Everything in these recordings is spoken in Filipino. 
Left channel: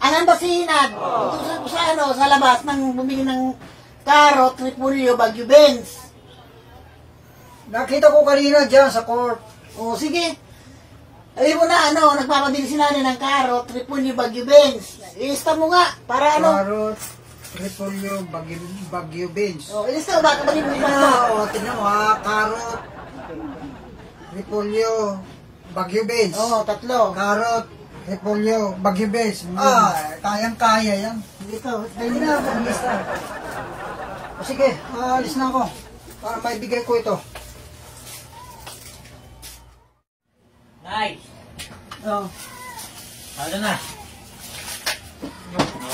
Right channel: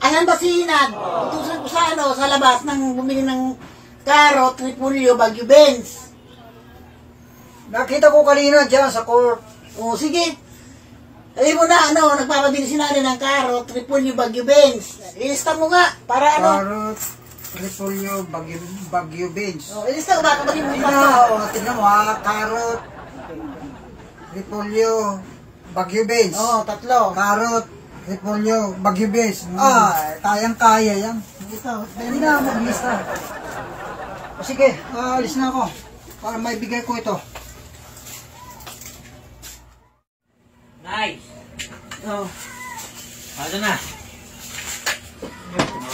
Ayan ba sinad? Sa labas nang bumili ng carrot, repolyo, Baguio Benz. Nakita ko kanina dyan sa court. O, sige. Alam mo na, nagpapabili si nanay ng carrot, repolyo, Baguio Benz. Ilista mo nga, para Carrot, repolyo, Baguio Benz. O, ilista mo, baka mali mo Tingnan mo carrot, repolyo, Baguio Benz. Tatlo. Carrot, repolyo, Baguio Benz. Kayang-kaya yan. Hindi na ako mag-lista. Sige, alis na ako. Para maibigay ko ito. Nice. Ano na?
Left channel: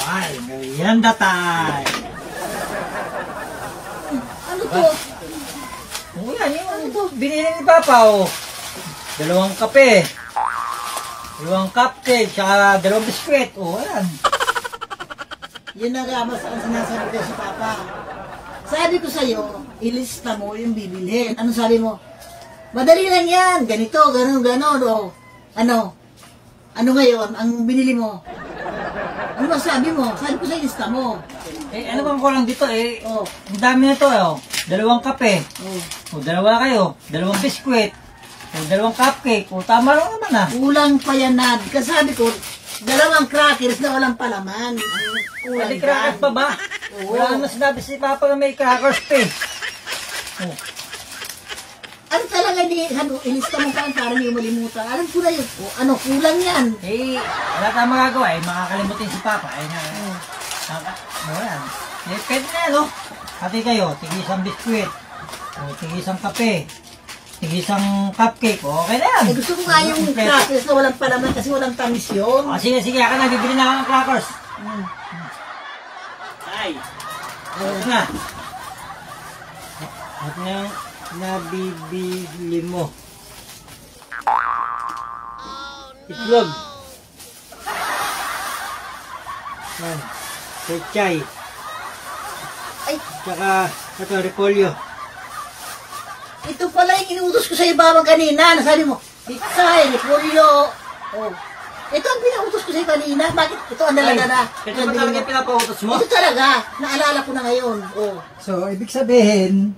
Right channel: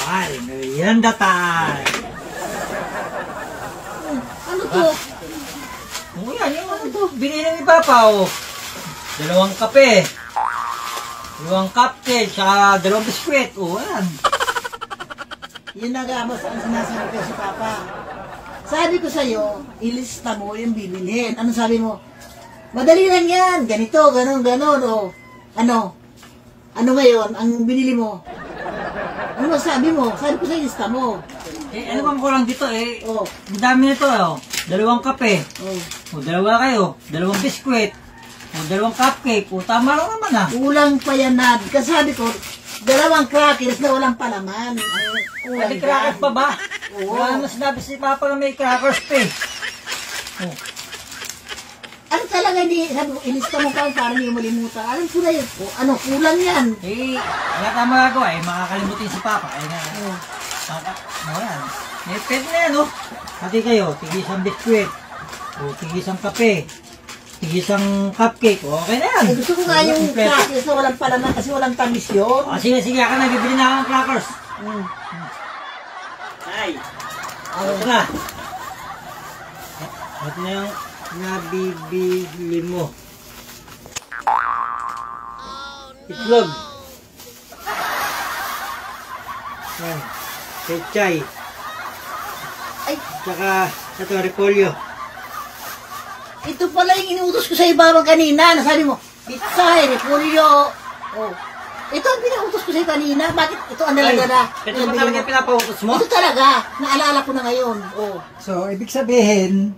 Ay, merienda time. Ano to? Oh, yan, yung ano to. Binili ni Papa, oh. 2 kape. 2 cupcake, saka 2 biskwit. Oh, yan. Yun na nga, mas ang sinasabi ko sa Papa. Sabi ko sa'yo, ilista mo yung bibilhin. Ano sabi mo? Madali lang yan. Ganito, ganon. O, ano ngayon, ang binili mo? Ano masabi mo? Sabi ko sa ilista mo. Ano bang kulang dito, ang dami nito, 2 kape. O, 2 kayo. 2 biskwit. O, 2 cupcake. O, tama lang naman, Kulang pa yan, Nad. Kasi sabi ko, 2 crackers na walang palaman. Kulang May crackers pa ba? Wala naman sinabi si Papa na may crackers pa, Ano talaga sabi ko, ilista mo pa para hindi malimutan. Alam ko na yun. Kulang yan. Wala tayong magagawa, makakalimutin si Papa. Wala. Pwede na, Hati kayo, tig-isang biskwit. O, tig-isang kape. Tig-isang cupcake. Okay na yan. Gusto ko nga yung crackers na walang palaman kasi walang tamis yun. Sige, ako na, bibili na ako ng crackers. Ay. Ito na. Ito na yung nabibili mo. Itlog. Yan. Pechay. Ay, Tsaka, ito, repolyo. ito pala yung inuutos ko sa ibabang kanina. Nasabi mo, pitsay, repolyo. Ito ang pinautos ko sa'yo kanina. Bakit? Ito ang nalaga na. Ito ba talaga pinapautos mo? Ito talaga. Naalala ko na ngayon. So, ibig sabihin,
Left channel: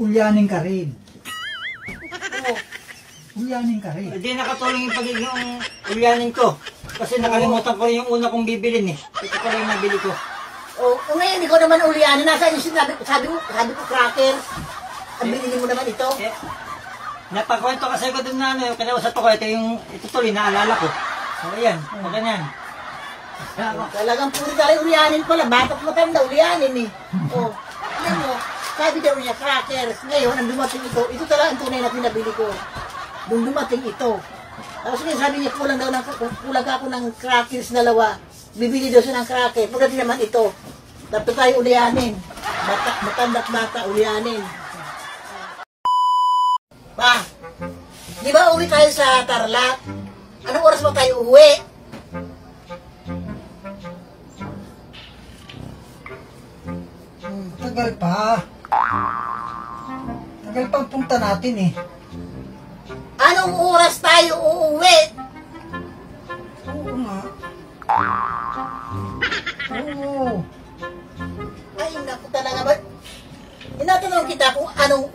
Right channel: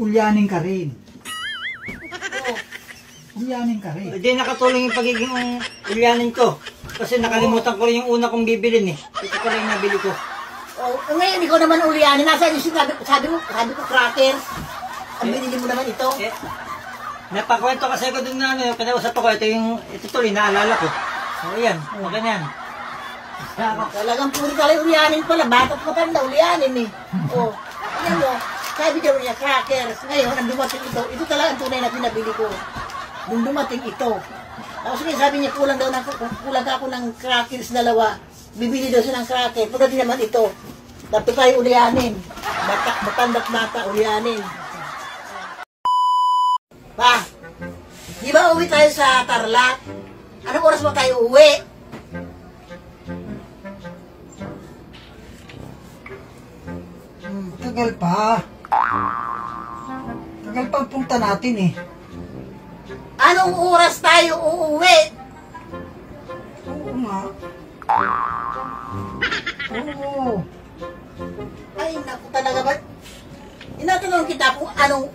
ulyanin ka rin. Ulyanin ka rin. Hindi nakatulong yung pagiging ulyanin ko. Kasi nakalimutan ko rin yung una kong bibilin Ito pala yung nabili ko. Ngayon, ikaw naman ulyanin. Nasaan yung sabi ko crackers. Ang binili mo naman ito. Napakwento kasi ko dun na yung kinausap ko. Ito tuloy, naalala ko. Ayan, ganyan. Talagang puro tayo ulyanin pala. Bata't matanda, ulyanin Ayan mo, sabi daw niya, crackers. Ngayon, ang dumating ito. Ito talaga ang tunay na pinabili ko. Nung dumating ito. Tapos sabi niya, kulang ako ng crackers 2. Bibili daw siya ng crackers. Pagdating naman ito. Dapat tayo ulyanin. Matandak bata, ulyanin. Pa, di ba uwi tayo sa Tarlac? Anong oras ba tayo uwi? Tagal pa. Tagal pang punta natin Anong oras tayo uuwi? Oo nga. Oo. Ay, naku talaga ba? Inatanong kita kung anong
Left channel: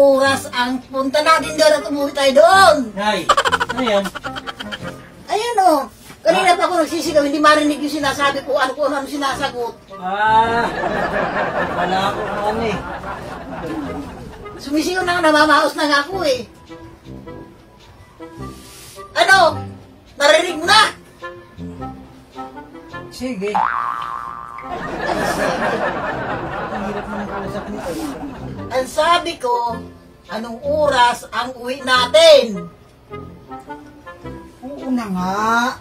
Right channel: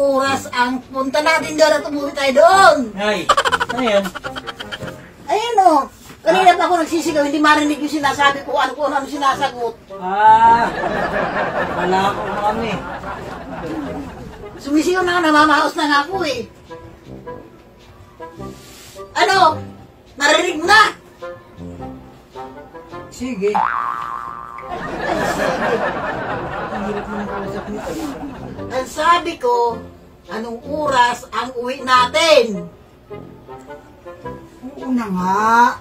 oras ang punta natin doon at umuwi tayo doon. Ay, ano yan? Ayun kanina pa ako nagsisigaw, hindi marinig yung sinasabi ko, ano sinasagot. Wala ako ano Sumisigaw na nga, namamaos na nga ako Narinig mo na? Sige. Ang sabi ko, anong oras ang uwi natin? Oo na nga.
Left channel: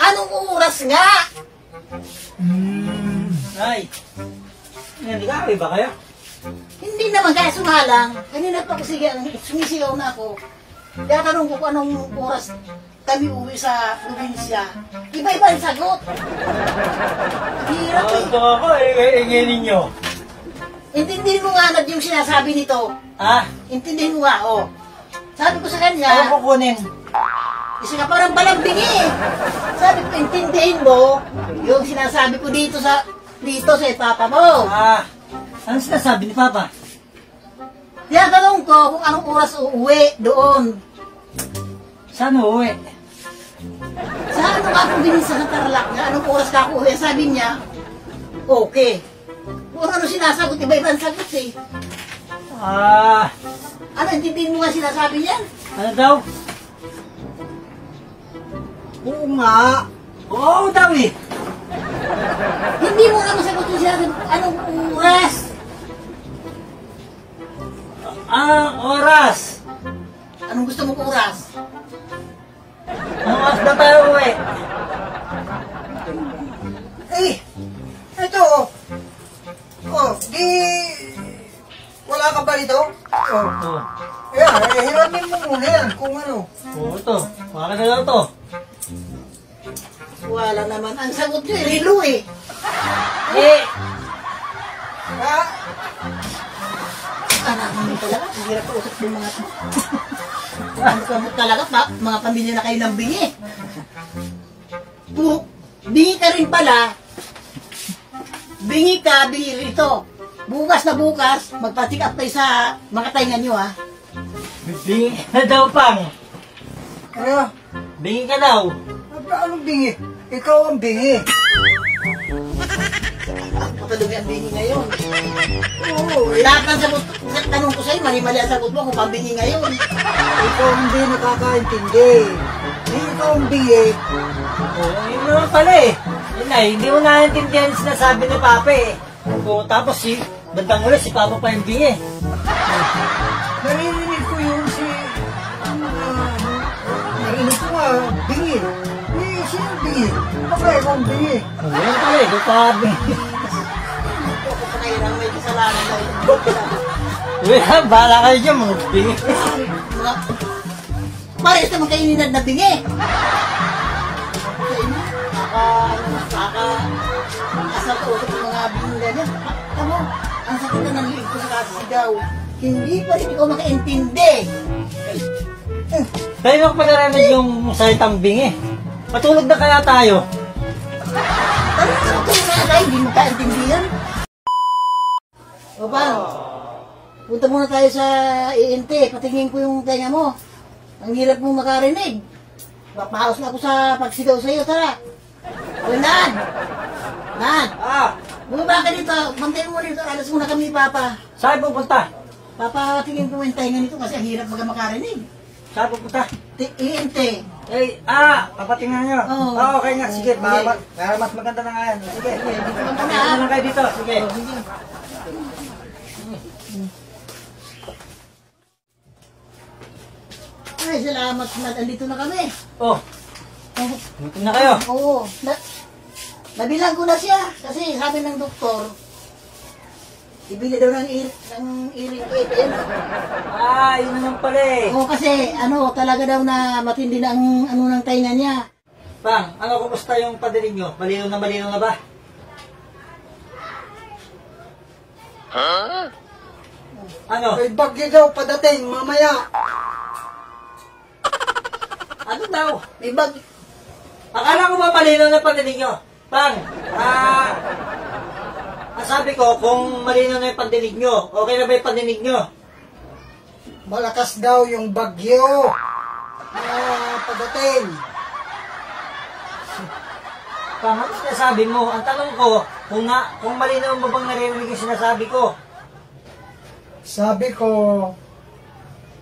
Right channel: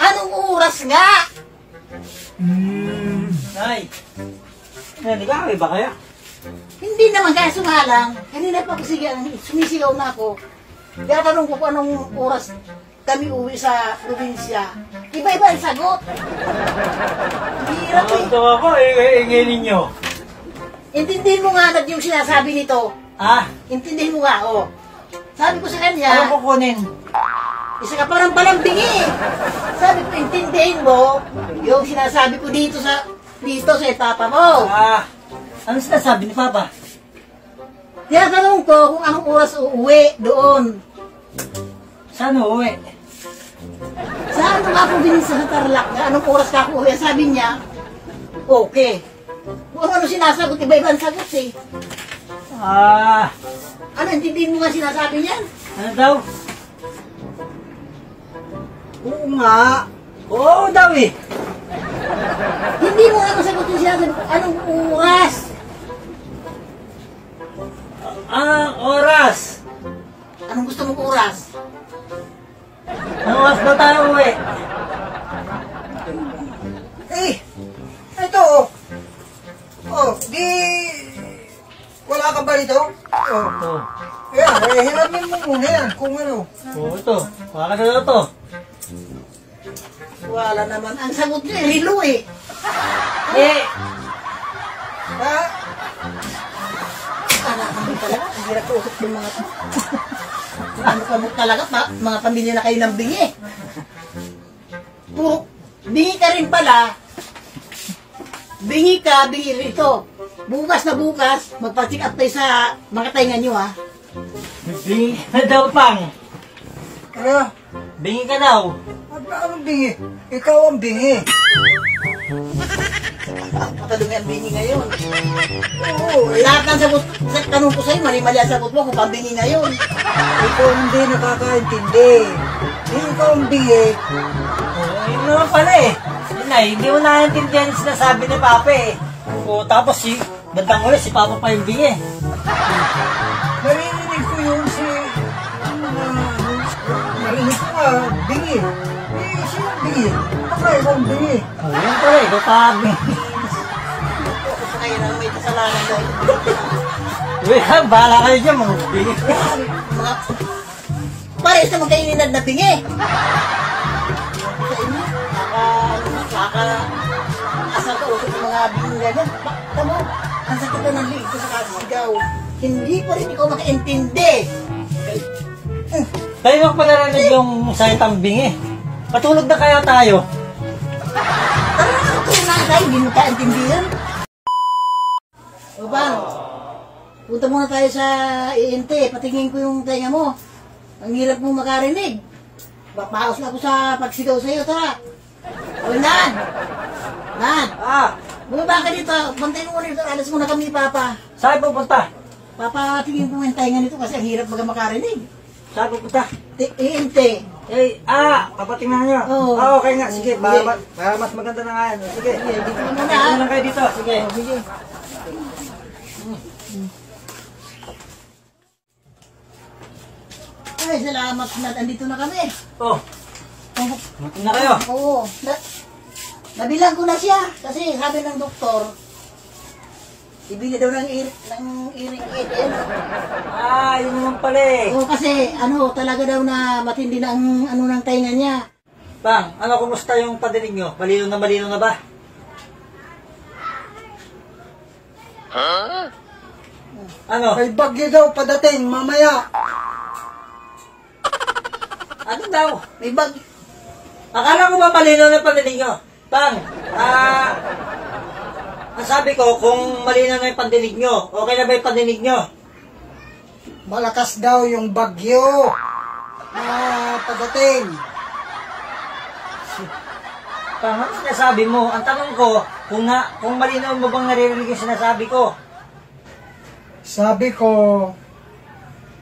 Anong oras nga? Ay, nag-aaway ba kaya? Hindi naman kaso nga lang, kanina pa ako sumisigaw na ako. Kaya tanong ko kung anong oras kami uwi sa probinsya. Iba-iba ang sagot. Hirap Ito ako, ingin ninyo. Intindihin mo nga yung sinasabi nito. Ah? Intindihin mo nga, Sabi ko sa kanya, Anong kukunin? isa ka parang palambingi. Sabi ko, intindihin mo yung sinasabi ko dito sa papa mo. Ano sinasabi ni Papa? Tinatanong ko kung anong oras uuwi doon. Saan uuwi? Saan mo ako binisa sa Tarlac na anong oras ka ako uwi? Sabi niya, okay. Kung ano sinasagot, iba-iba ang sagot eh. Ano, intindihin mo nga sinasabi niyan? Ano daw? Oo nga. Oo daw eh. Hindi mo nga masagot yung sinasabi, anong oras? Ang oras. Anong gusto mong oras? Anong oras na tayo uwi? Eh, ito oh. Oh, di... Wala ka ba rito? Oh. Oo. Yan, hiramin mo muna yan kung ano. Oo, ito. Baka na daw to. Wala naman. Ang sagot niya, rilo eh. Eh, Ha? Anak mo talaga, ang hirap usap ng mga ano ka mo talaga, mga pamilya na kayo ng bingi. Bingi ka rin pala, bingi ka, bingi rito. Bukas na bukas, magpa-check up tayo sa mga tainga nyo ha. bingi ka na daw, Pang. Ano? Bingi ka daw. Anong bingi? Ikaw ang bingi. Katalungi ang bingi ngayon. Oo, Lahat ng sagot, sa tanong ko sa'yo, mali-mali ang sagot mo kung pambingi ngayon. ikaw hindi nakakaintindi. Ikaw ang bingi. Oo, yun naman pala eh. Yun na, hindi mo naiintindihan yung sinasabi ni Papa eh. Oo, tapos bandang ulit, si Papa pa yung bingi. Narinig ko yung narinig ko nga, bingi. Eh, sino bingi? Baka ikaw ang bingi. Oo, yun pala eh, ikaw pa bingi. Kasi ngayon na may kasalanan daw. Uy, bahala kayo dyan, mga bingi. Mga, pare, ito magkaininad na bingi. Asal ko usap ng mga bingi na yan. Tamo, ang sakit na ng liig ko sa kasigaw. Hindi pa rin ikaw makaintindi. Tayo na panaranig yung salitang bingi. Patulog na kaya tayo. Ito na tayo, hindi mo kaintindihan. O bang, punta muna tayo sa INT. Patingin ko yung tenga mo. Ang hirap mo makarinig. Papaos na ako sa pagsigaw sa'yo, tara. O Nan! Nan! Bumaba ka dito. Bantayin mo dito. Alas muna kami ni Papa. Saan pupunta? Papatingin ko yung tenga nito kasi ang hirap baga makarinig. Saan pupunta? INT. Eh, papatingnan nyo. Oo. Okay nga, sige. Sige. Mas maganda na nga yan. Sige. Dito naman Ano na. lang kayo dito? Sige. Sige. Ay, salamat na andito na kami. Oh, buti na kayo. Oo. Nabilang ko na siya kasi sabi ng doktor, ibili daw ng earring ATM. Yun naman pala eh. Oo, kasi ano, talaga daw na matindi na ang ano ng tainga niya. Pang, kumusta yung padinig nyo? Malinaw na ba? Ano? May bagyo daw padating mamaya. Ano daw? May bag. Akala ko ba malinaw na pandinig nyo? Pang, ang sabi ko, kung malinaw na yung pandinig nyo, okay na ba yung pandinig nyo? Malakas daw yung bagyo. Padating. Pang, ano sinasabi mo? Ang tanong ko, kung malinaw mo bang naririnig yung sinasabi ko? Sabi ko,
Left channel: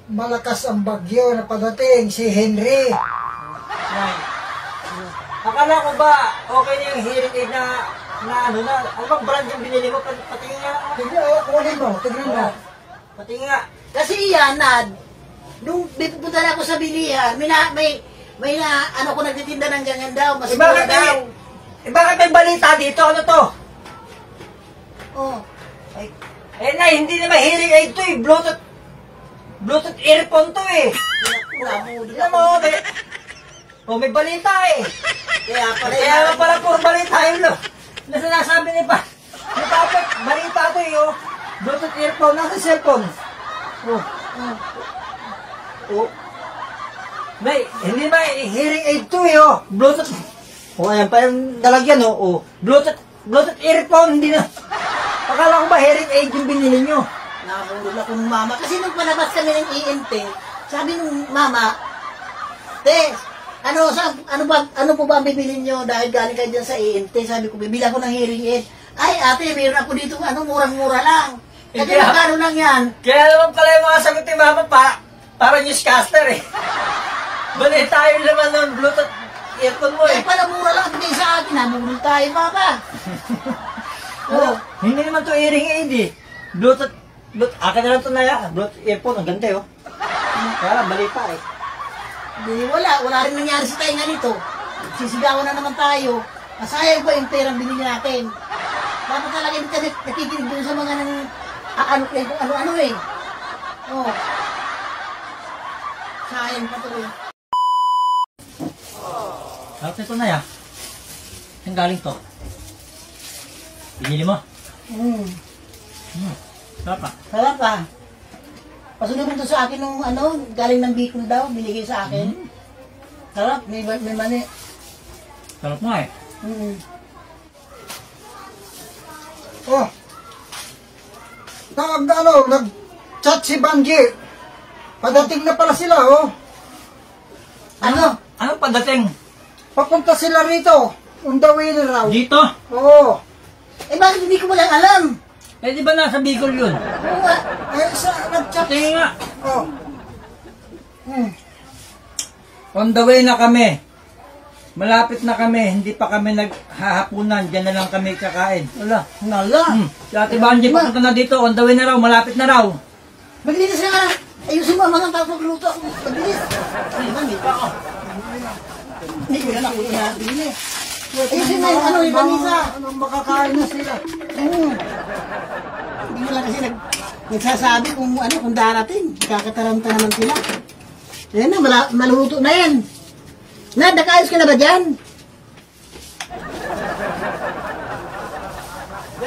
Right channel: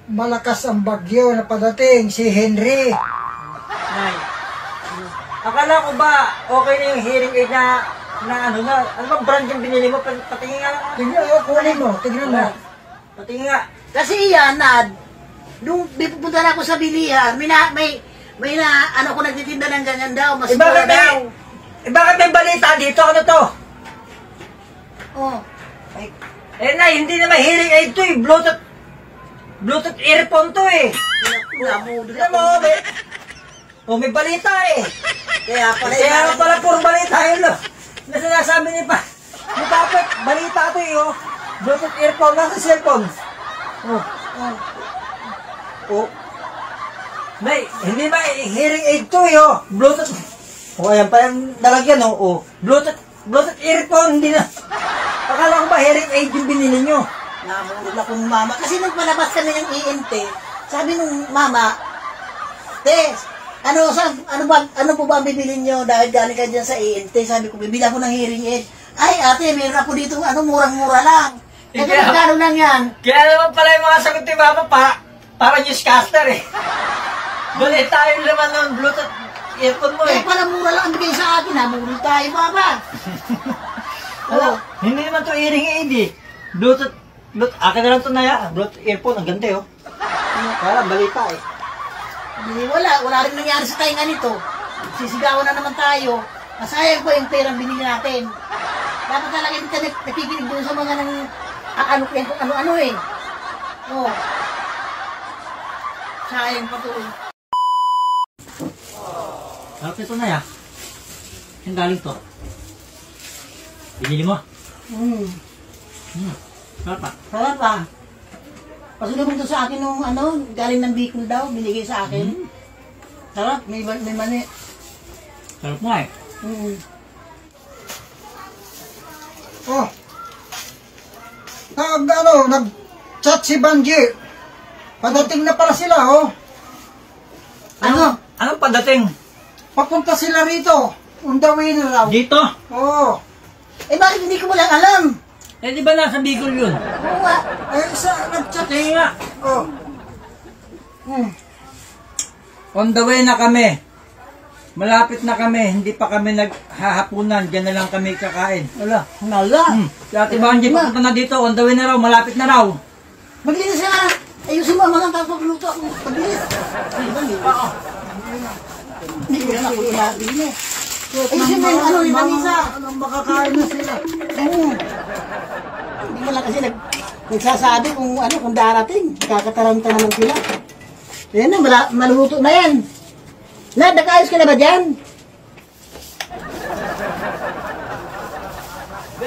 malakas ang bagyo na padating, si Henry. Ay. Akala ko ba okay na yung hearing aid na ano bang brand yung binili mo? Patingin nga. Kunin mo, tignan mo. Patingin nga. Kasi yan, nung pupunta na ako sa bilihan, may ano ko nagtitinda ng ganyan daw, mas mura daw. Bakit may balita dito? Ano to? Oh. Na, hindi naman hearing aid to eh. Bluetooth earphone to eh. Tignan mo, may balita eh. Kaya Kaya puro balita yun lo. Na sinasabi ni Papa, balita to eh. Bluetooth earphone, nasa cellphone. Oh. Nay, hindi ba hearing aid to eh, oh. Bluetooth. Oh, ayan pa yung nalagyan, oh. Oh. Bluetooth earphone, hindi na. Akala ko ba hearing aid yung binili nyo? Namurol ako ng mama. Kasi nung palabas kami ng ENT, sabi nung mama, Te, ano po ba ang bibilin nyo dahil galing kayo dyan sa ENT? Sabi ko, bibili ako ng hearing aid. Ay, ate, meron ako dito, murang-mura lang. Eh, gano'n lang yan. Kaya naman pala yung mga sagot ni Mama para newscaster eh. Bali tayo naman ng Bluetooth earphone mo eh. Eh, pala mura lang ang bigay sa akin, namurol tayo, mama. Ano? Hindi naman to hearing aid eh. Bluetooth, akin na lang to na ya. Bluetooth earphone, ang ganda eh oh. Kaya bali pa eh. Wala rin nangyari sa tayo nga nito. Sisigawan na naman tayo. Masayang pa yung perang binili natin. Dapat talaga hindi tayo nakikinig doon sa mga ano eh. Oh. Sayang po to. Sarap ito na ya. Ang galing to. Binili mo? Sarap pa. Sarap pa. Pasulubong to sa akin nung galing ng Bicol daw, binigay sa akin. Sarap, may mani. Sarap nga eh. Oh. Nag-chat si Banji. Padating na pala sila, oh. Ano padating? Papunta sila rito. On the way na raw. Dito? Oo. Eh bakit hindi ko lang alam? Eh di ba nasa Bicol yun? Oo nga. Nag-chat. Tingin nga. Oh. On the way na kami. Malapit na kami. Hindi pa kami naghahapunan. Diyan na lang kami kakain. Wala. Si Ate Banji papunta na dito. On the way na raw. Malapit na raw. Maglinis na nga. Ayusin mo ang mga pagpagluto. Maglinis. Hindi pa ako. Hindi ko na ako inasin eh. Ayusin mo yung yung panisa. Anong makakain na sila? Hindi mo lang kasi nagsasabi kung darating. Kakataranta naman sila. Yan na, maluluto na yan. Nakayos ka na ba dyan?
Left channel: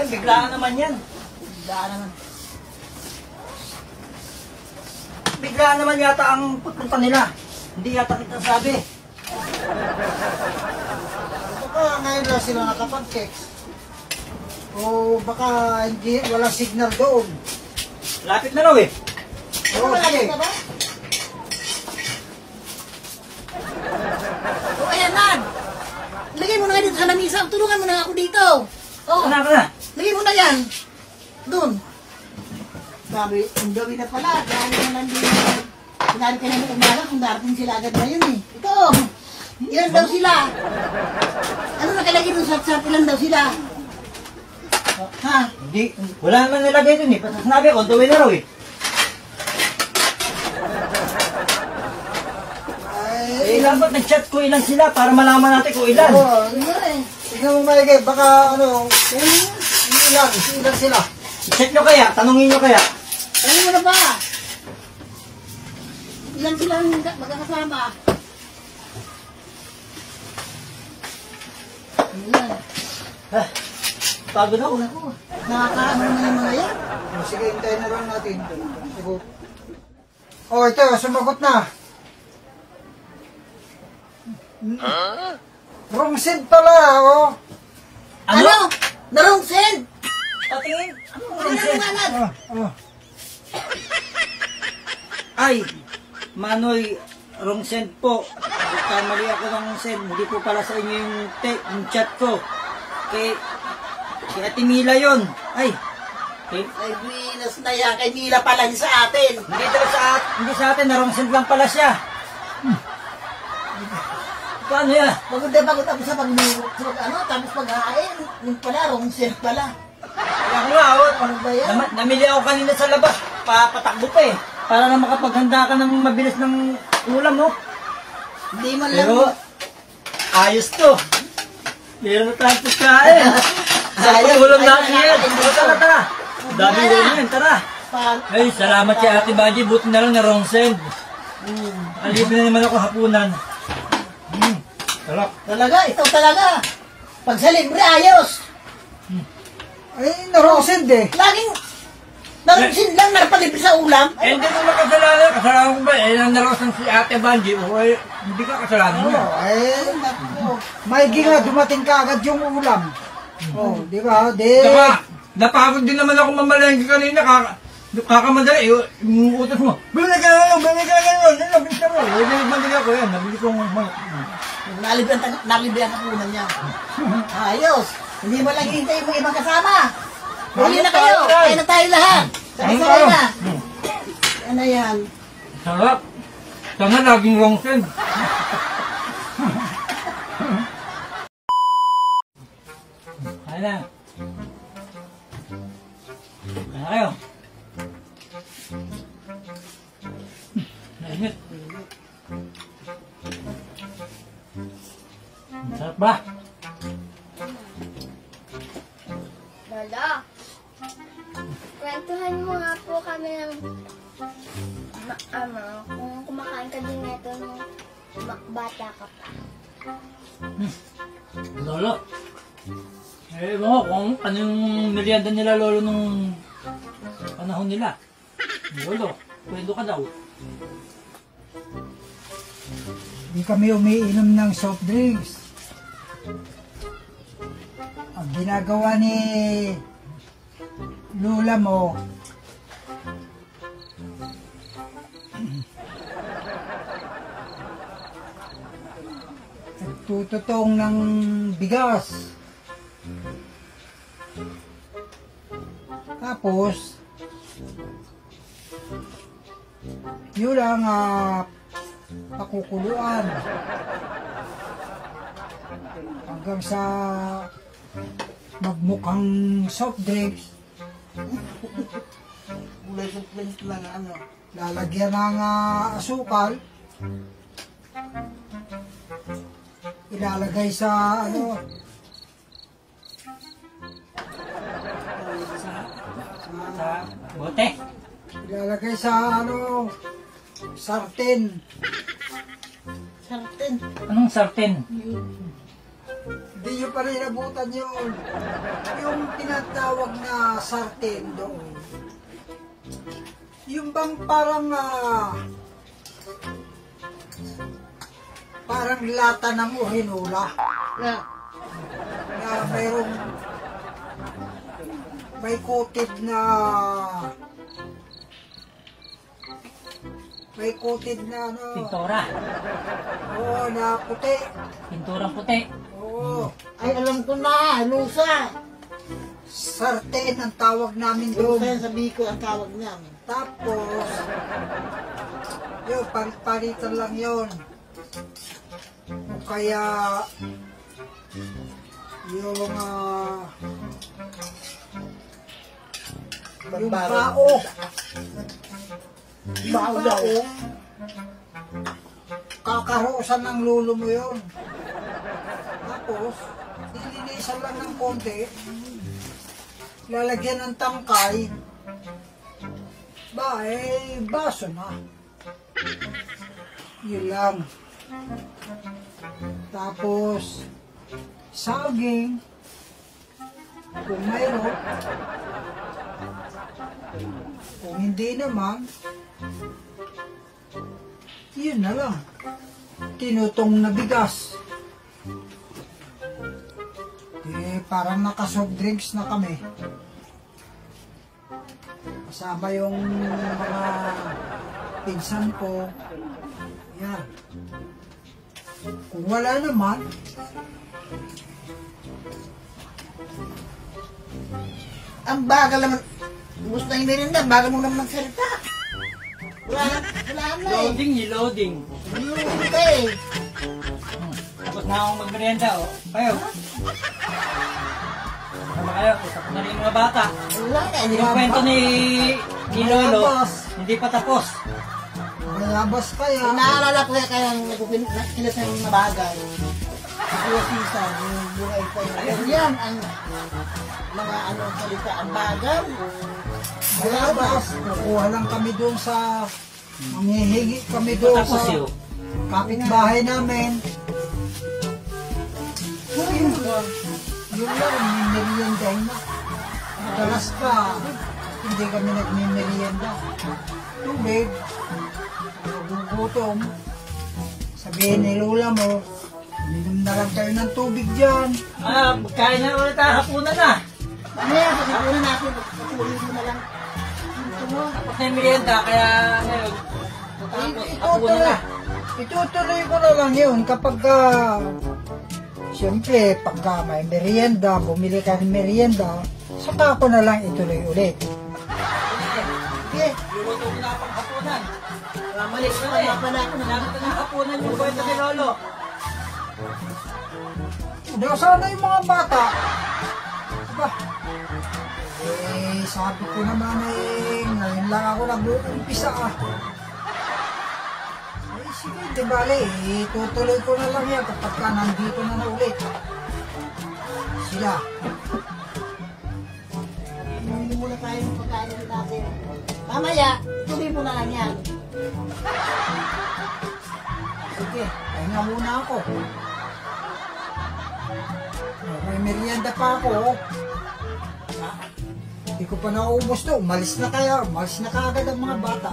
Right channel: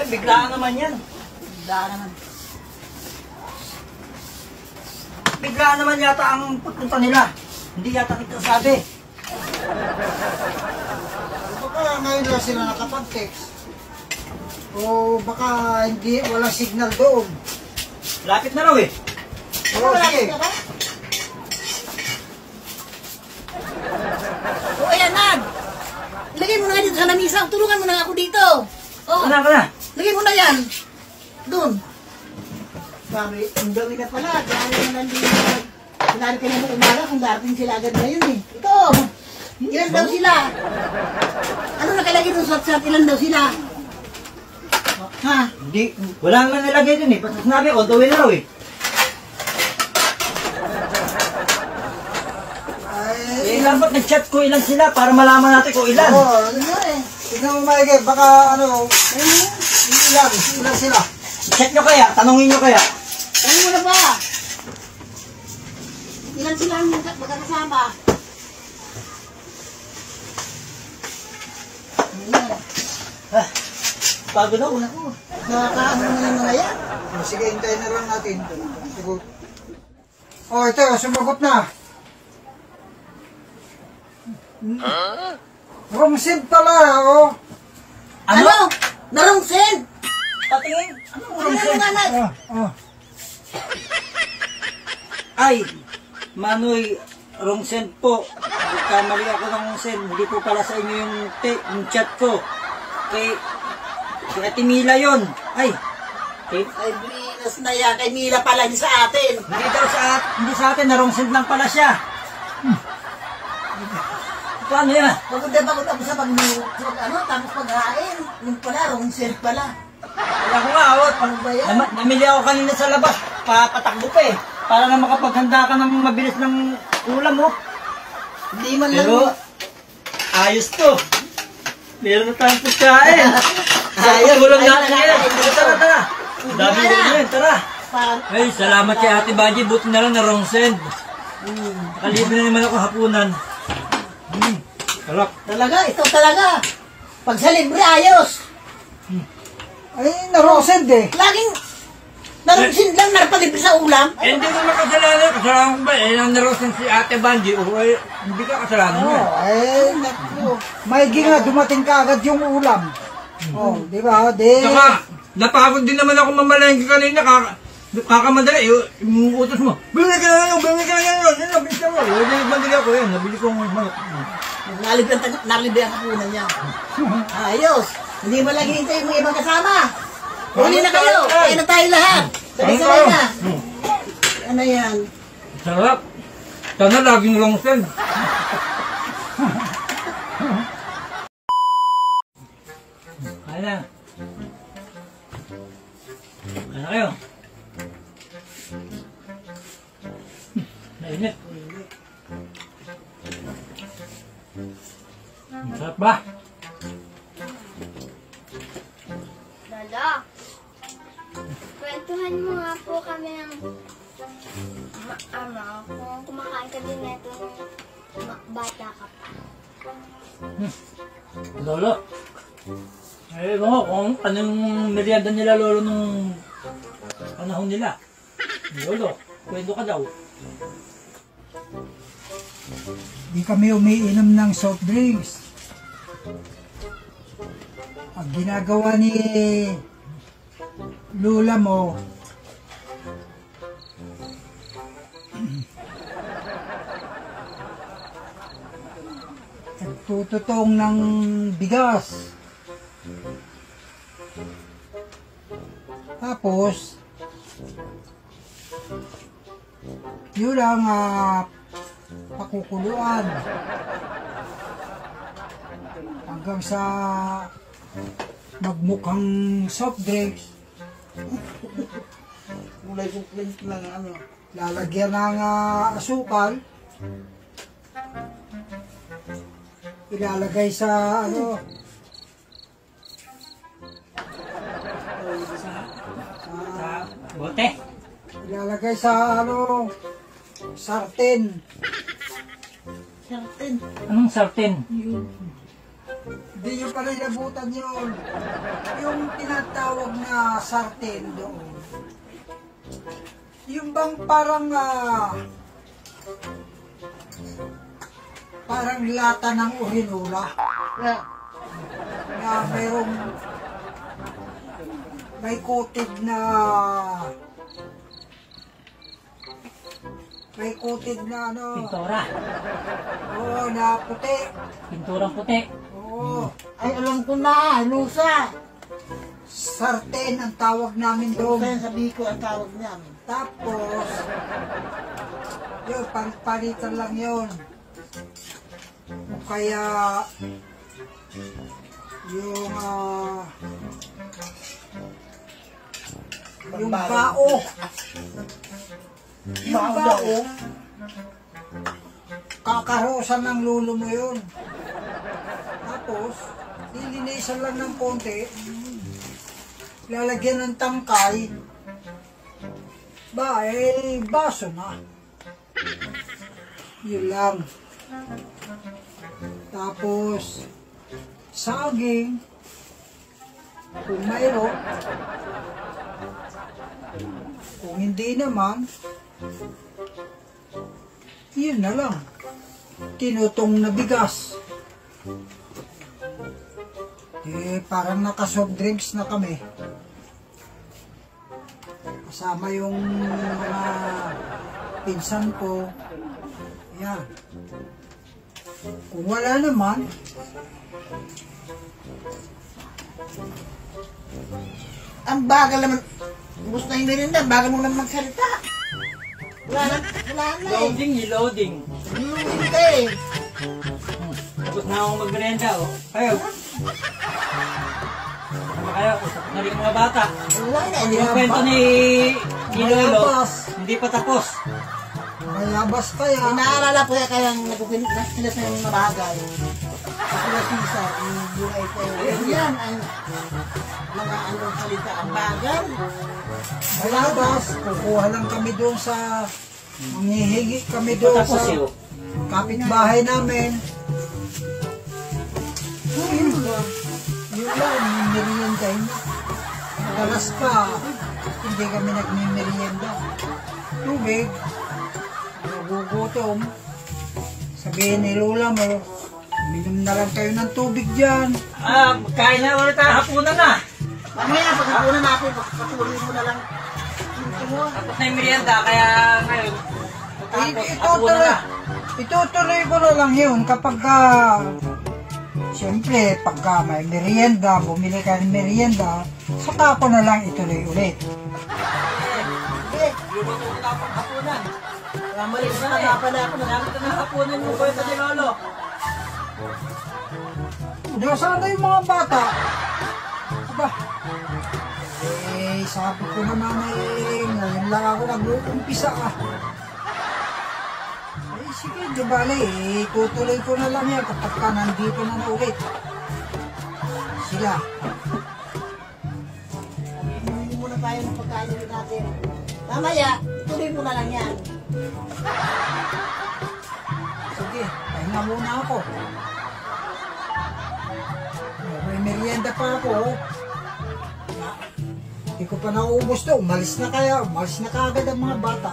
Biglaan naman yan. Biglaan naman. Biglaan naman yata ang pagpunta nila. Hindi yata kita sabi. Baka ngayon lang sila nakapag-text. O baka hindi, walang signal doon. Lapit na raw eh. Oo, sige. Malapit ka ba? O ayan na. Lagay mo na nga dito sa lamisa. Tulungan mo na ako dito. Oh, Ano ka na? lagay mo na yan. Doon. Sabi, ang dami ka pala. Dahil naman din. Sinabi ka na mo umaga kung darating sila agad ngayon eh. Ito. Ilan daw sila? Ano nakalagay doon sa chat? Ilan daw sila? Ha? Hindi. Wala naman nilagay dun eh. Basta sinabi, on the way na raw eh. Eh, dapat nag-chat ko ilan sila para malaman natin kung ilan. Oo, Ano eh? tignan mo maigay, baka ilan sila. Check nyo kaya, tanongin nyo kaya. Ano mo na ba? Ilan sila ang magkakasama? Ayan. Pagod ako. Ako, nakakaano naman yung mga yan. Sige, hintayin na lang natin. Sagot. Oh, ito, sumagot na. Wrong send pala, oh. Ano? Narong send! Patingin. Ano Ano naman? Oh. Ay, Manoy, wrong send po. Kamali ako ng send. Hindi po pala sa inyo yung chat ko. Kay Ate Mila yun. Ay, Ay, Venus na yan. Kay Mila pala niya sa atin. hindi sa atin, na wrong send lang pala siya. Paano yan? Pagod ako sa tapos paghain. Yung pala, wrong send pala. Ako nga, Ano ba yan? namili ako kanina sa labas. Patakbo pa eh. Para na makapaghanda ka ng mabilis ng ulam mo. Hindi man lang. Pero, ayos to. Meron na tayong pagkain. Ayos. Ulam Ayos natin na yan. natin. Tara. Dami Tara. rin yan, tara. Ay, salamat kay Ate Banji. Buti na lang na wrong send. Nakalibre na naman ako hapunan. Sarap. Talaga, ito talaga. Pag sa libre, ayos. Ay, na-wrong send eh. Narasin lang, narapalibre sa ulam. Eh, hindi mo makasalanan. Kasalanan ko ba? Eh, nandarosan si Ate Banji. O, eh, hindi ka kasalanan mo. Eh, naku. Maigi nga, dumating ka agad yung ulam. Oh, di ba? Saka, napagod din naman ako mamalengke kanina. Kakamadali. Yung utos mo, bumili ka na lang, bumili ka na lang. Nabili ka mo. Nabili ako yan. Nabili ko Nalibre ang kapunan niya. Ayos. Hindi mo lang hinintay yung ibang kasama. Huli na kayo. Kaya na tayo lahat. Sabay-sabay na. Ano yan? Sarap. Sana laging long send. Kaya na. Kaya na kayo. Nainit. Sarap ba? Lolo, kwentuhan mo nga po kami ng kung kumakain ka din neto nung bata ka pa. Lolo. Eh, ewan ko kung anong merienda nila lolo nung panahon nila. Lolo, kwento ka daw. Di kami umiinom ng soft drinks. Ang ginagawa ni Lula mo, nagtututong ng bigas. Tapos, yun ang pakukuluan hanggang sa magmukhang soft drinks. Kulay suplings lang ano. Lalagyan ng asukal, ilalagay sa ano, Bote. ilalagay sa ano, sarten. Sarten. Anong sarten? Hindi nyo pa rin nabutan yun. Yung tinatawag na sarten doon. Yung bang parang parang lata ng uhinula Na. na merong may coated na ano, Pintura. oo, na puti. Pinturang puti. Oo, Ay, alam ko na. Lusa. sarten ang tawag namin Lusa doon. yan sa Biko ang tawag namin. Tapos, yun, palitan lang yun. O kaya, yung, yung bao. Yung bao, kakarosan ng lulo mo yun. Tapos, lilinisan lang ng konti, lalagyan ng tangkay, ba, eh, baso na. Yun lang. Tapos, saging, kung mayroon. Kung hindi naman, yun na lang. Tinutong na bigas. Eh, parang naka-soft drinks na kami. Kasama yung mga pinsan ko. Yan. Kung wala naman, Ang bagal naman. Gusto na yung merinda. Bagal mo naman magsalita. Wala na eh. Loading, loading. Luling ka eh. Tapos na akong magmerenda, oh. Kayo. Ano kayo? Usap na rin mga bata. Wala na. Hindi Yung na kwento ni Lolo, hindi pa tapos. mayabas kaya. Naalala ko yan kaya nagpipilit ng mabagal. Kuya Cesar, yung buhay ko yun. Yan ang mga anong salita. Ang bagal. Mayabas. Kukuha lang kami doon sa, manghihingi kami doon Tapos sa yun. kapitbahay namin. Yun lang, yung merienda na. Madalas pa, hindi kami nagmimerienda. Tubig, nagugutom. Sabihin ni Lola mo, uminom na lang kayo ng tubig dyan. Kain na ulit tayo, hapunan na. Mamaya, pagkakunan natin, pagkasuhin mo na lang. Tapos na yung merienda, kaya ngayon, Itutuloy ko na lang yun kapag siyempre, pagka may merienda, bumili ka ng merienda, saka ko na lang ituloy ulit. Sige, luto ko na pang hapunan. malis na hanapan na ako. Nalapit na ng hapunan yung kwento ni Lolo. Nasaan na yung mga bata? Aba, sabi ko naman ngayon lang ako nag-uumpisa sige, di bale, tutuloy ko na lang yan kapag ka nandito na ulit. Sila. Hindi muna tayo ng pagkain natin. Mamaya, tuloy mo na lang yan. Sige, pahinga muna ako. May merienda pa ako. Hindi ko pa nauubos to. Umalis na kaya. Umalis na kaagad ang mga bata.